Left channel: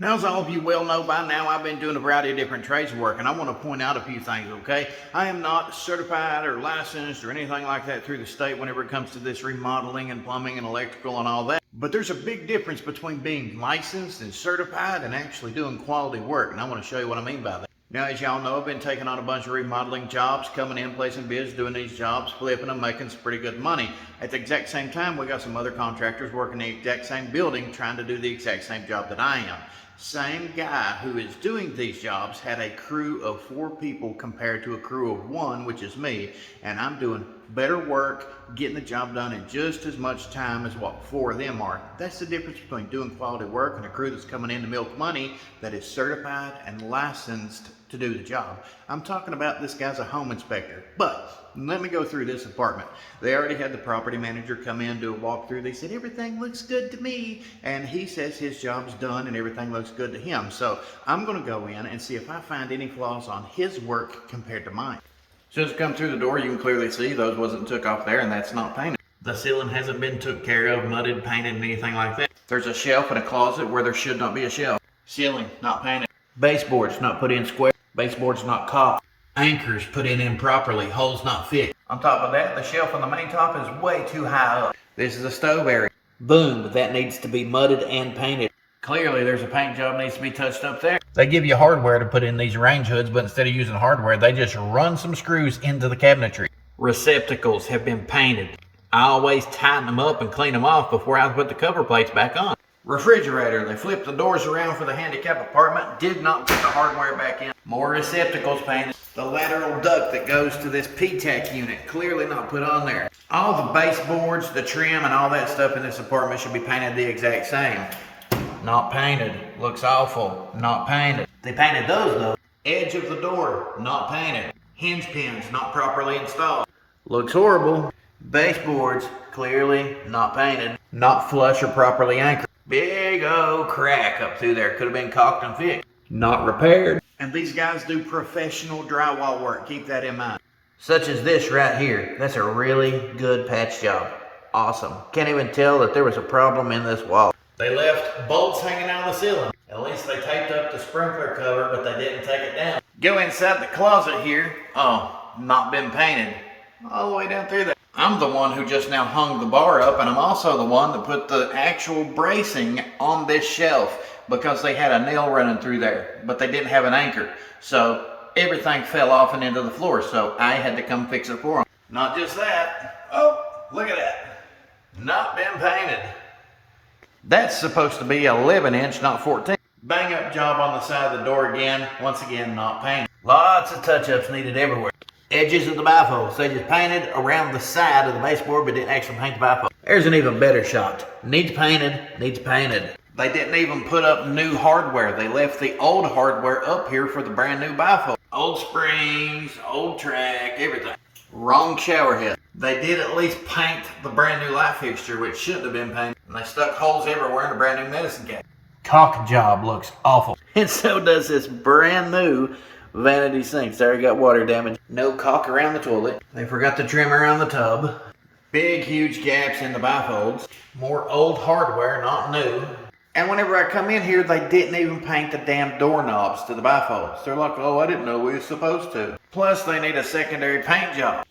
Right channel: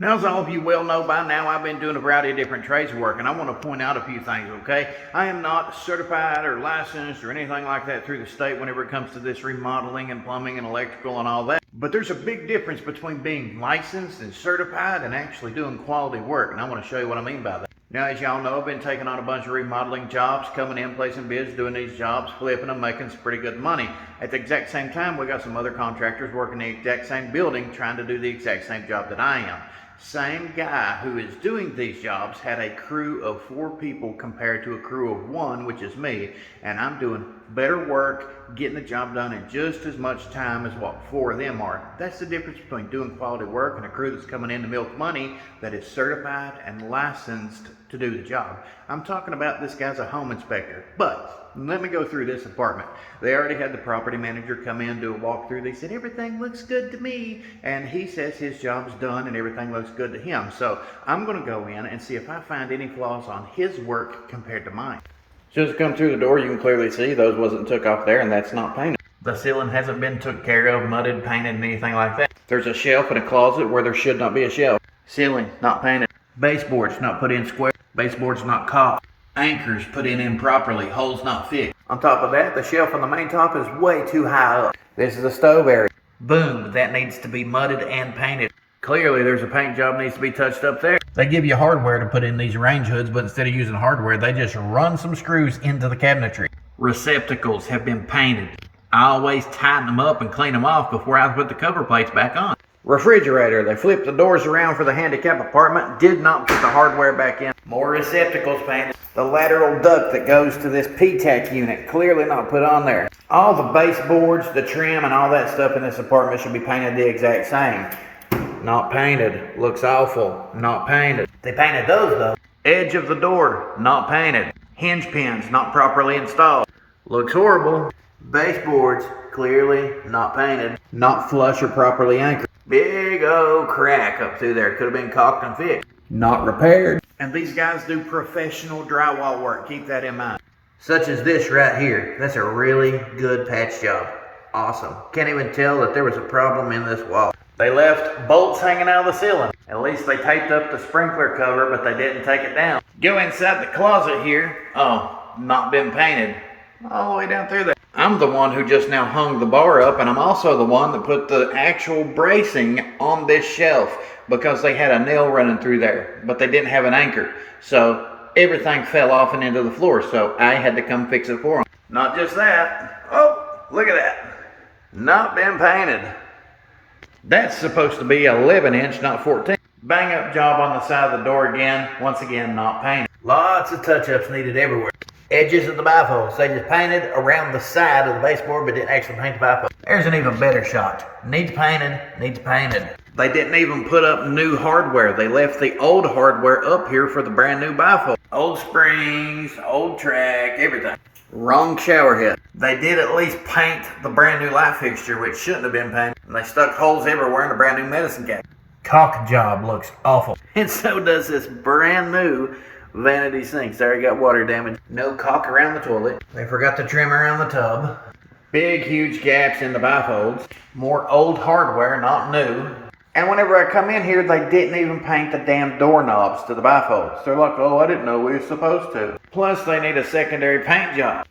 Now, as all of you well know by now, I've been doing a variety of different trades of work, and I want to point out a few things, okay? I am not certified or licensed or anything like that through the state whenever it comes to this remodeling and plumbing and electrical and all that. But there's a big difference between being licensed and certified and actually doing quality work, and I want to show you what I mean by that. Now, as y'all know, I've been taking on a bunch of remodeling jobs, coming in, placing bids, doing these jobs, flipping them, making some pretty good money. At the exact same time, we got some other contractors working the exact same building, trying to do the exact same job that I am. Same guy who is doing these jobs had a crew of 4 people compared to a crew of 1, which is me, and I'm doing better work, getting the job done in just as much time as what 4 of them are. That's the difference between doing quality work and a crew that's coming in to milk money that is certified and licensed to do the job. I'm talking about this guy's a home inspector, but let me go through this apartment. They already had the property manager come in, do a walkthrough. They said, everything looks good to me. And he says his job's done and everything looks good to him. So I'm gonna go in and see if I find any flaws on his work compared to mine. As soon as I come through the door, you can clearly see those wasn't took off there, and that's not painted. The ceiling hasn't been took care of, mudded, painted, and anything like that. There's a shelf and a closet where there should not be a shelf. Ceiling not painted. Baseboards not put in square. Baseboards not caulked. Anchors put in improperly. Holes not fixed. On top of that, the shelf on the main top is way too high up. This is the stove area. Boom, that needs to be mudded and painted. Clearly, there's a paint job needs to be touched up there. They give you hardware to put in these range hoods, but instead of using hardware, they just run some screws into the cabinetry. Receptacles have been painted. I always tighten them up and clean them off before I put the cover plates back on. Refrigerator, they flipped the doors around for the handicap apartment, did not put the hardware back in. More receptacles painted. The lateral duct that goes to this P-TAC unit, clearly not put on there. All the baseboards, the trim, and all that stuff in this apartment should be painted the exact same. Not painted. Looks awful. Not painted. They painted those though. Edge of the door, not painted. Hinge pins, not properly installed. Looks horrible. Baseboards, clearly not painted. Not flush or properly anchored. Big old crack up through there. Could have been caulked and fixed. Not repaired. And these guys do professional drywall work. Keep that in mind. Such as this right here. That's a really good patch job. Awesome. Can't even tell that there was a problem in this wall. They left bolts hanging out of the ceiling. At least they taped up the sprinkler cover, but they didn't take it down. Go inside the closet here. Oh, not been painted. All the way down through there. I'm the one who just now hung the bar up, and I'm also the one that put the actual bracing on this shelf because they had a nail running through there, but they didn't have an anchor. So everything fell off and into the floor, so I had to come fix it for them. Not just that. Oh, look at that. Not been painted. That's supposed to be 11-inch, not 14. Bang up job on the side of the door again. Once again, not painted. Lots of touch-ups needed everywhere. Edges of the bifolds. They just painted around the side of the baseboard, but didn't actually paint the bifold. There's an even better shot. Needs painted, needs painted. They didn't even put up new hardware. They left the old hardware up here for the brand new bifold. Old springs, old track, everything. Wrong shower head. They did at least paint the brand new light fixture, which shouldn't have been painted. And they stuck holes everywhere in the brand new medicine cabinet. Caulk job looks awful. And so does this brand new vanity sinks. There you got water damage. No caulk around the toilet. They forgot to trim around the tub. Big, huge gaps in the bifolds. More old hardware, not new. And whenever I come in here, they didn't even paint the damn doorknobs to the bifolds. They're like, oh, I didn't know we were supposed to. Plus, they need a secondary paint job.